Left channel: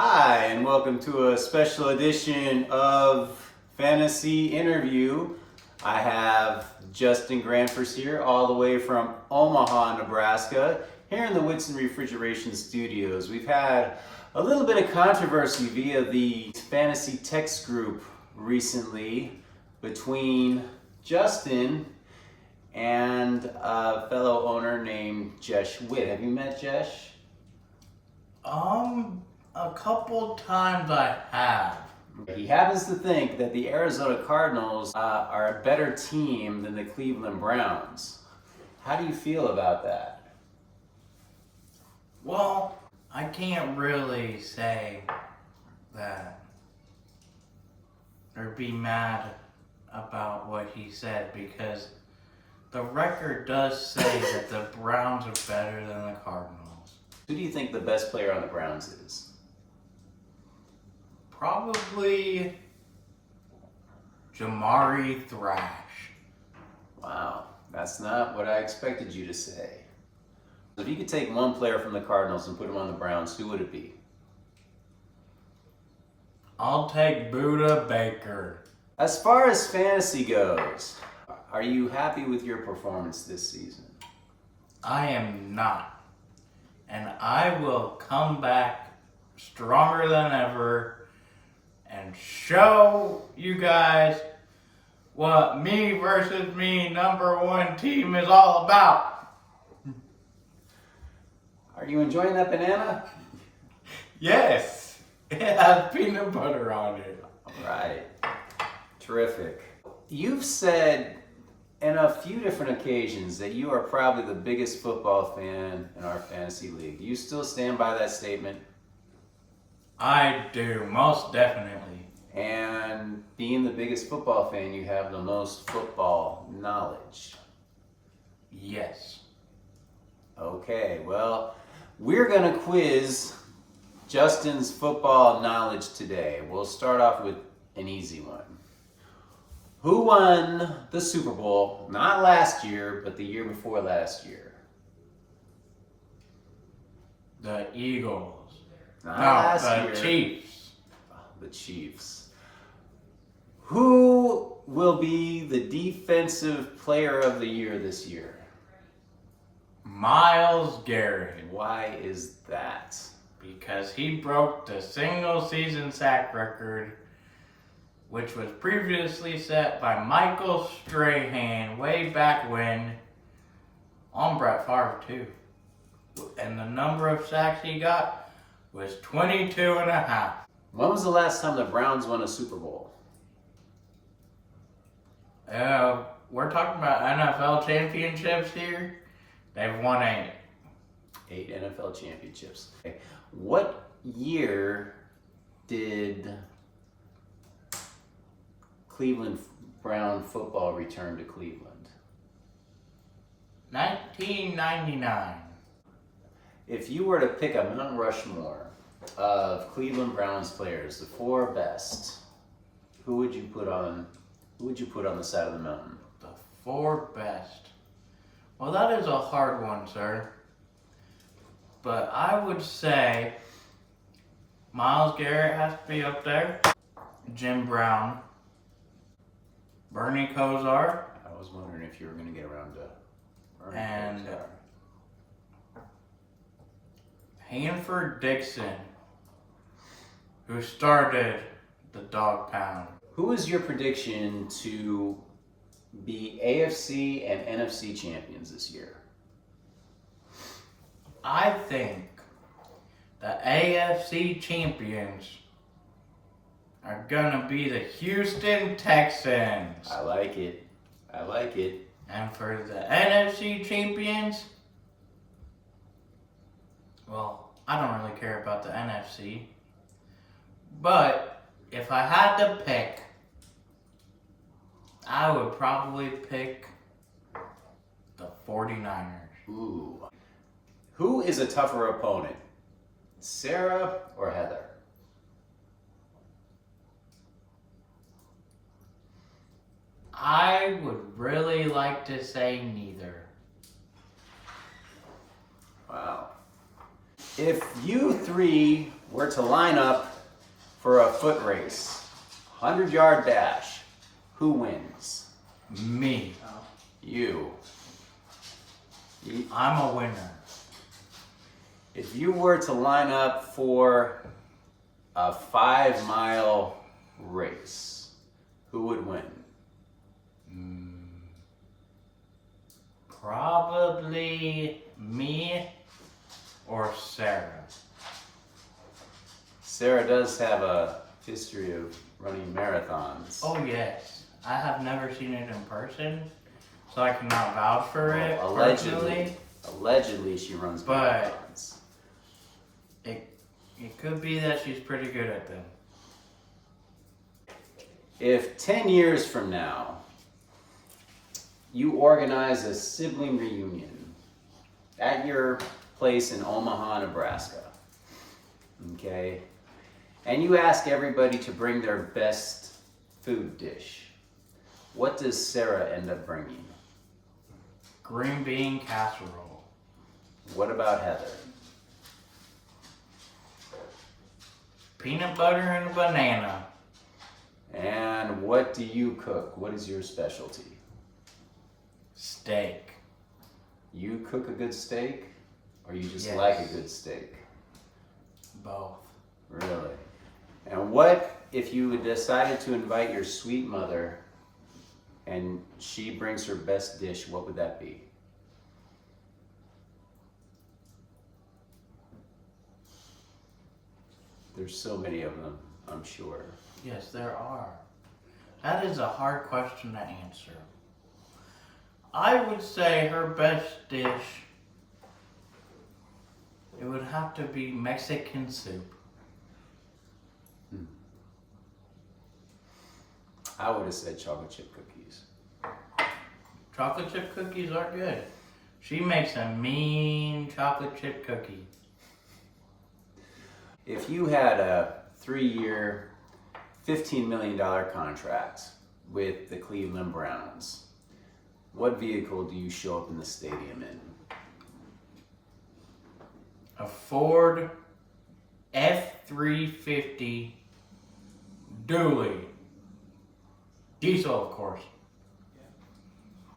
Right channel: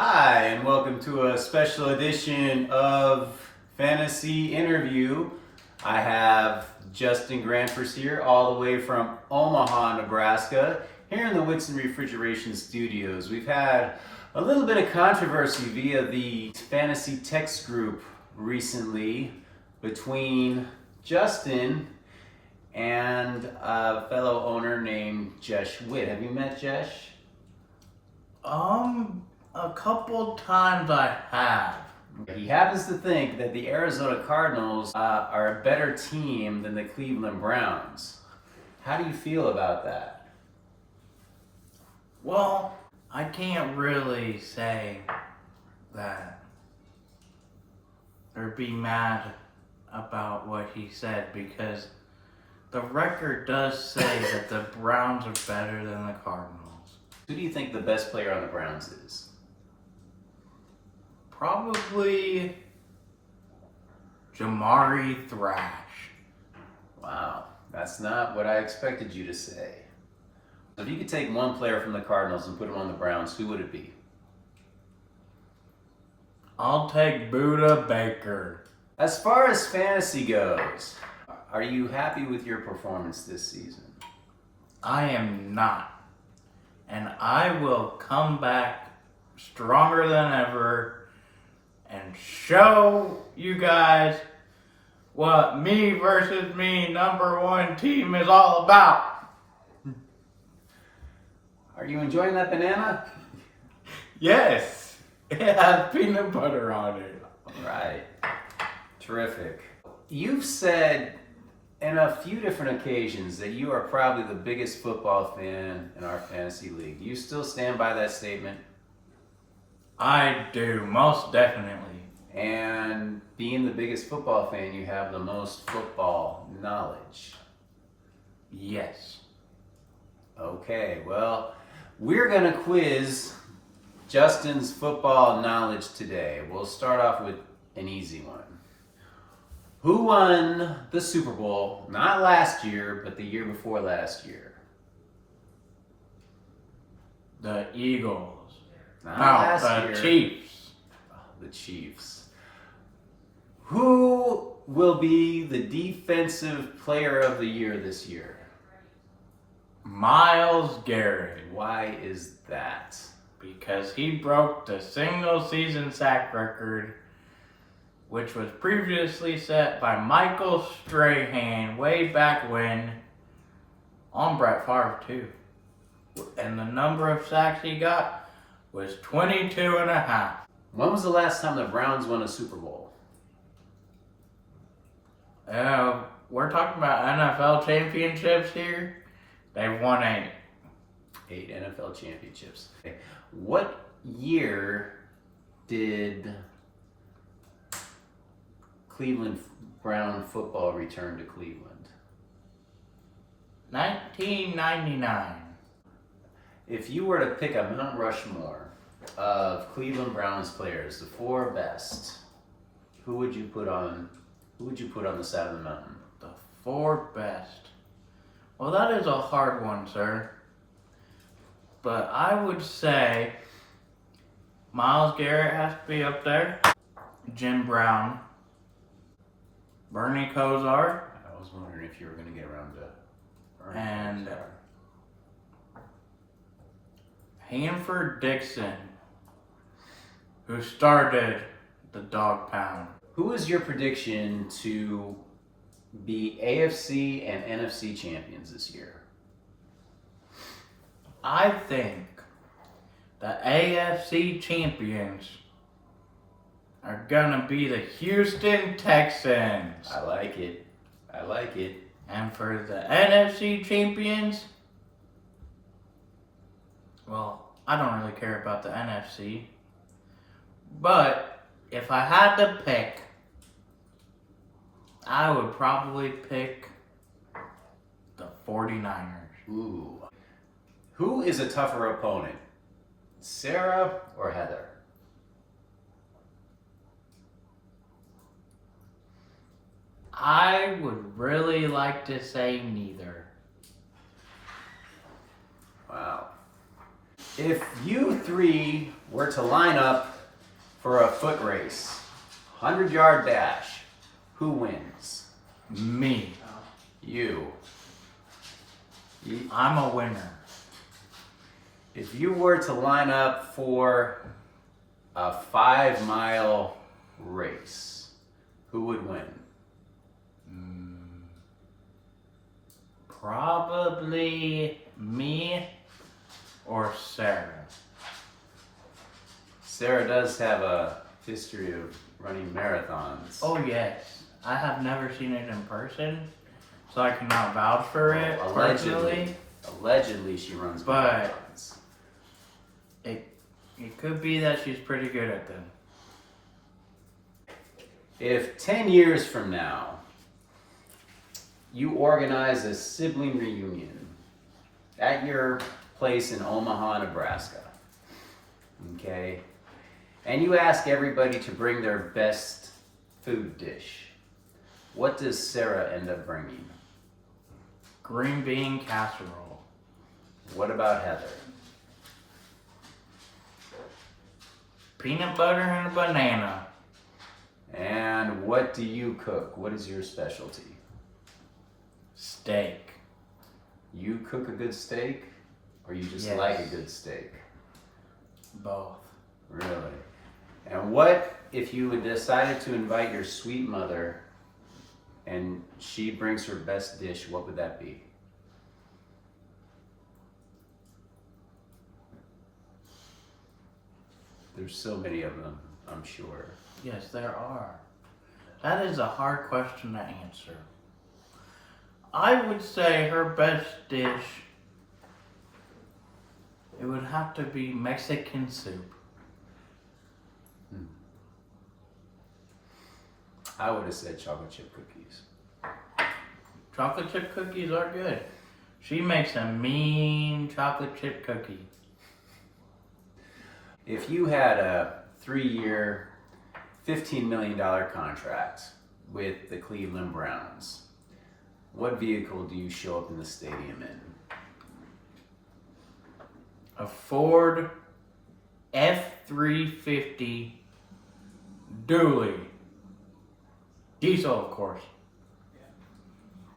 Hi, and welcome to a special edition of Fantasy Interview. I have Justin Granfors here, all the way from Omaha, Nebraska, here in the Whitson Refrigeration Studios. We've had a little bit of controversy via the fantasy text group recently between Justin and a fellow owner named Jesh Witt. Have you met Jesh? A couple times I have. He happens to think that the Arizona Cardinals are a better team than the Cleveland Browns. How do you feel about that? Well, I can't really say that or be mad about what he said because the record does say that the Browns are better than the Cardinals. Who do you think the best player on the Browns is? Probably Jamari Thrash. Wow, that's not what I expected you to say. If you could take one player from the Cardinals and put him on the Browns, who would it be? I'll take Buda Baker. As far as fantasy goes, are you happy with your performance this season? I am not. And I will come back stronger than ever and show you guys what me versus me #1 team is all about. Are you enjoying that banana? Yes, it has peanut butter on it. All right, terrific. You've said in a few different occasions that you are probably the biggest football fan in our fantasy league. Do you still stand by that statement? I do, most definitely. And being the biggest football fan, you have the most football knowledge. Yes. Okay, well, we're going to quiz Justin's football knowledge today. We'll start off with an easy one. Who won the Super Bowl, not last year, but the year before last year? The Eagles. Not last year. Chiefs. Oh, the Chiefs. Who will be the defensive player of the year this year? Myles Garrett. Why is that? Because he broke the single season sack record, which was previously set by Michael Strahan way back when, on Brett Favre too. And the number of sacks he got was 22.5. When was the last time the Browns won a Super Bowl? We're talking about NFL championships here. They've won 8. 8 NFL championships. Okay. What year did Cleveland Brown football return to Cleveland? 1999. If you were to pick a Mount Rushmore of Cleveland Browns players, the 4 best, who would you put on the side of the mountain? The 4 best. Well, that is a hard one, sir. But I would say Myles Garrett has to be up there. Jim Brown. Bernie Kosar. I was wondering if you were going to get around to Bernie And Kosar. Hanford Dixon, who started the Dog Pound. Who is your prediction to be AFC and NFC champions this year? I think the AFC champions are gonna be the Houston Texans. I like it. I like it. And for the NFC champions, well, I don't really care about the NFC. But if I had to pick, I would probably pick the 49ers. Ooh. Who is a tougher opponent? Sarah or Heather? I would really like to say neither. Wow. If you three were to line up for a foot race, 100-yard dash, who wins? Me. You. I'm a winner. If you were to line up for a 5-mile race, who would win? Probably me or Sarah. Sarah does have a history of running marathons. Oh yes, I have never seen it in person, so I cannot vouch for it personally. Allegedly, she runs But- marathons. It could be that she's pretty good at them. If 10 years from now, you organize a sibling reunion at your place in Omaha, Nebraska, okay, and you ask everybody to bring their best food dish, what does Sarah end up bringing? Green bean casserole. What about Heather? Peanut butter and a banana. And what do you cook? What is your specialty? Steak. You cook a good steak, or you just Yes. like a good steak? Both. Really? And what if you had decided to invite your sweet mother and she brings her best dish, what would that be? There's so many of them, I'm sure. Yes, there are. That is a hard question to answer. I would say her best dish, it would have to be Mexican soup. I would have said chocolate chip cookies. Chocolate chip cookies are good. She makes a mean chocolate chip cookie. If you had a 3-year, $15 million contract with the Cleveland Browns, what vehicle do you show up in the stadium in? A Ford F-350 dually. Diesel, of course.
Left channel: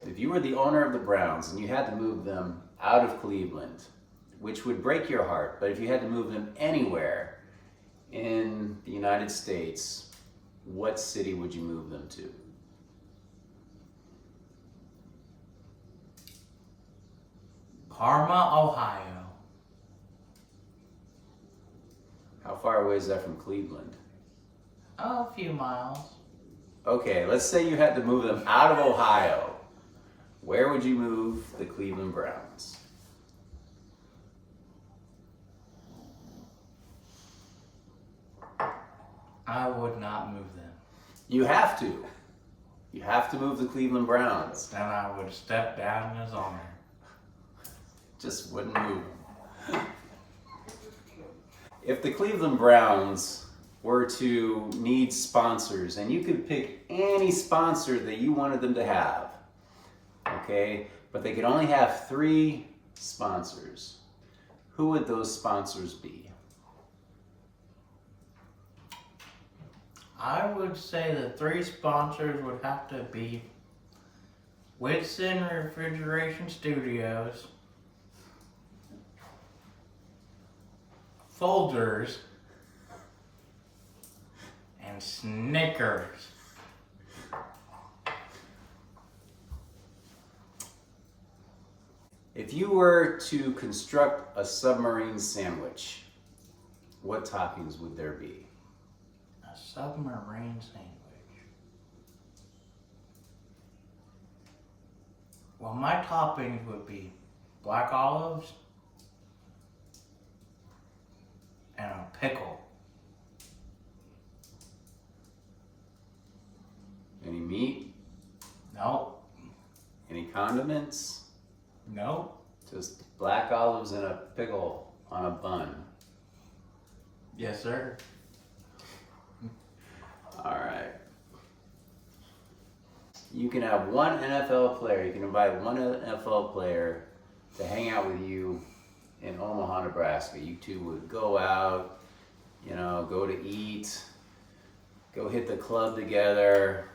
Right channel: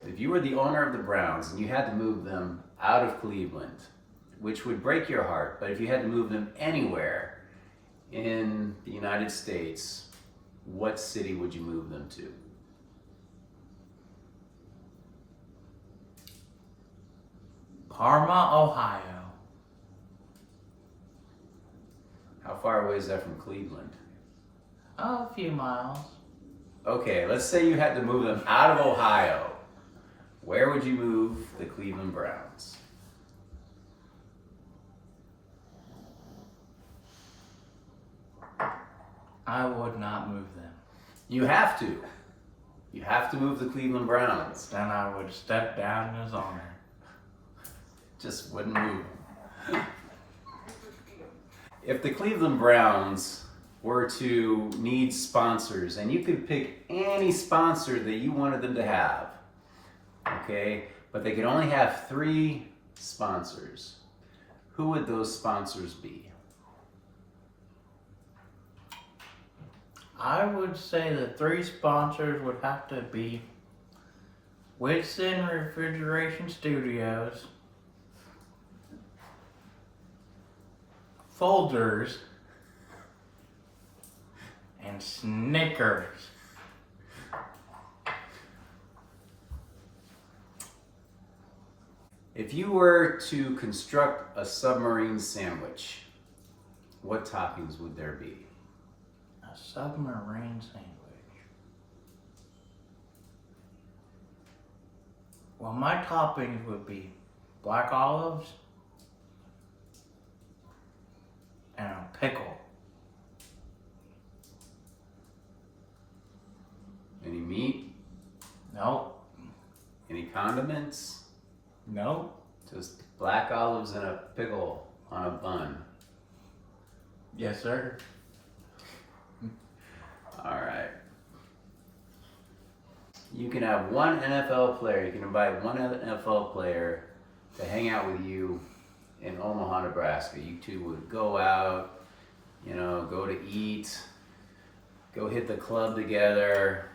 If you were the owner of the Browns and you had to move them out of Cleveland, which would break your heart, but if you had to move them anywhere in the United States, what city would you move them to? Parma, Ohio. How far away is that from Cleveland? Oh, a few miles. Okay, let's say you had to move them out of Ohio. Where would you move the Cleveland Browns? I would not move them. You have to. You have to move the Cleveland Browns. Then I would step down as owner. Just wouldn't move them. If the Cleveland Browns were to need sponsors, and you could pick any sponsor that you wanted them to have, okay, but they could only have 3 sponsors, who would those sponsors be? I would say the 3 sponsors would have to be Whitson Refrigeration Studios, Folgers, and Snickers. If you were to construct a submarine sandwich, what toppings would there be? A submarine sandwich. Well, my toppings would be black olives and a pickle. Any meat? Nope. Any condiments? Nope. Just black olives and a pickle on a bun. Yes, sir. All right. You can have one NFL player, you can invite one NFL player to hang out with you in Omaha, Nebraska. You two would go out, you know, go to eat, go hit the club together,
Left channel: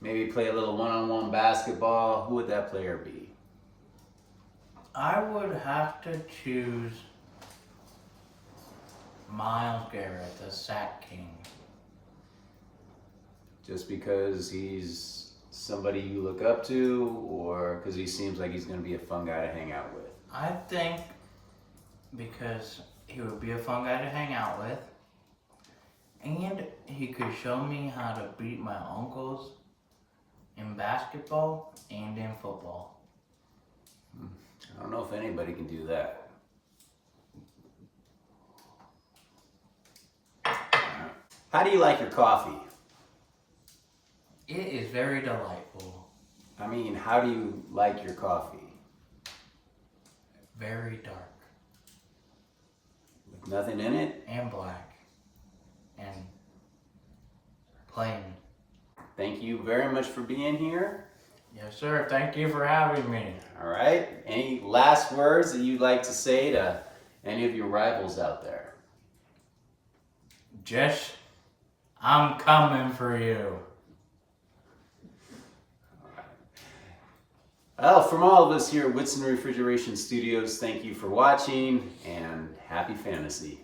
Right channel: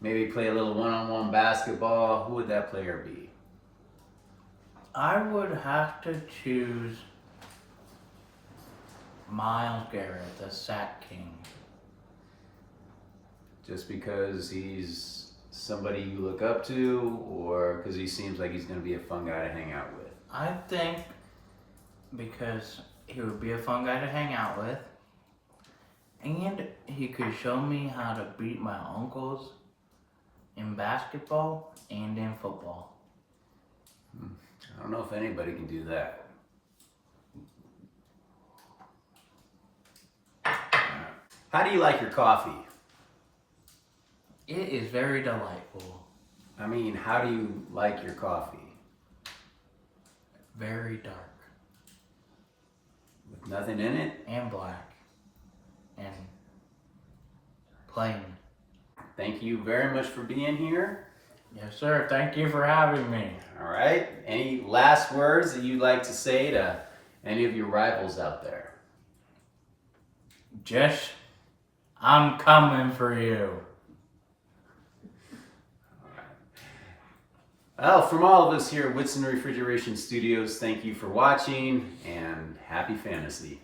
maybe play a little one-on-one basketball. Who would that player be? I would have to choose Myles Garrett, the Sack King. Just because he's somebody you look up to, or because he seems like he's going to be a fun guy to hang out with? I think because he would be a fun guy to hang out with, and he could show me how to beat my uncles in basketball and in football. I don't know if anybody can do that. How do you like your coffee? It is very delightful. I mean, how do you like your coffee? Very dark With nothing in it? and black and plain. Thank you very much for being here. Yes, sir. Thank you for having me. All right. Any last words that you'd like to say to any of your rivals out there? Jess, I'm coming for you. Well, from all of us here at Whitson Refrigeration Studios, thank you for watching and happy fantasy.